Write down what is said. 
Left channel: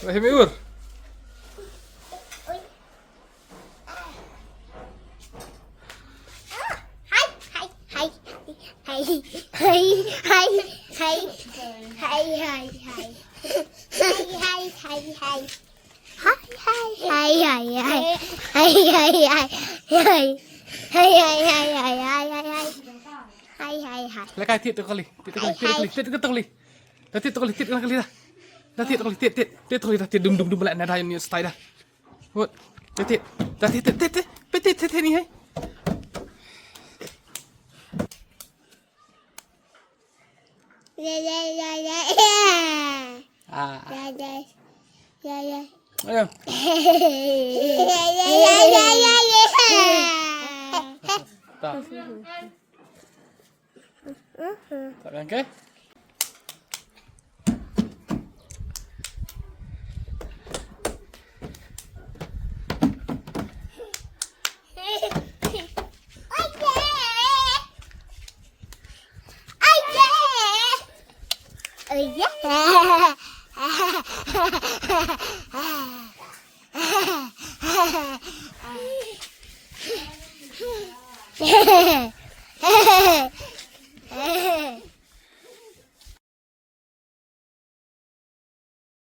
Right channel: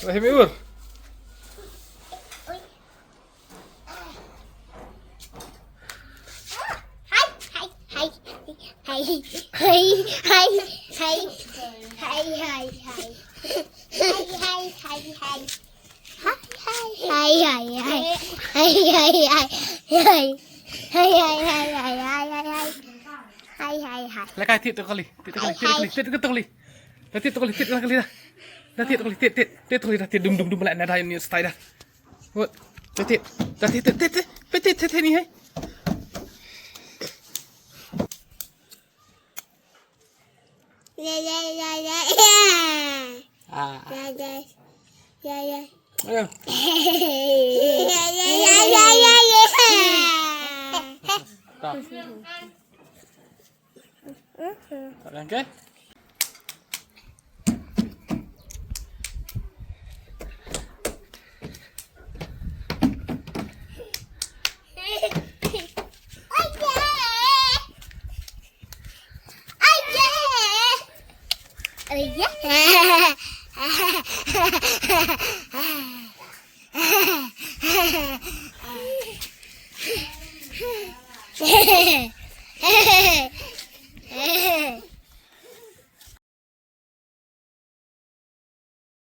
Rahim ur. Lekai tit tu kali, tit tu kali. Dah tit tu kali dah. Dah tit tu kali, tit tu kali dah tit dum belak dah ni style dah. Wot, dah tit ni hai. Ayo. Tak. Tak kan kan? Hehehe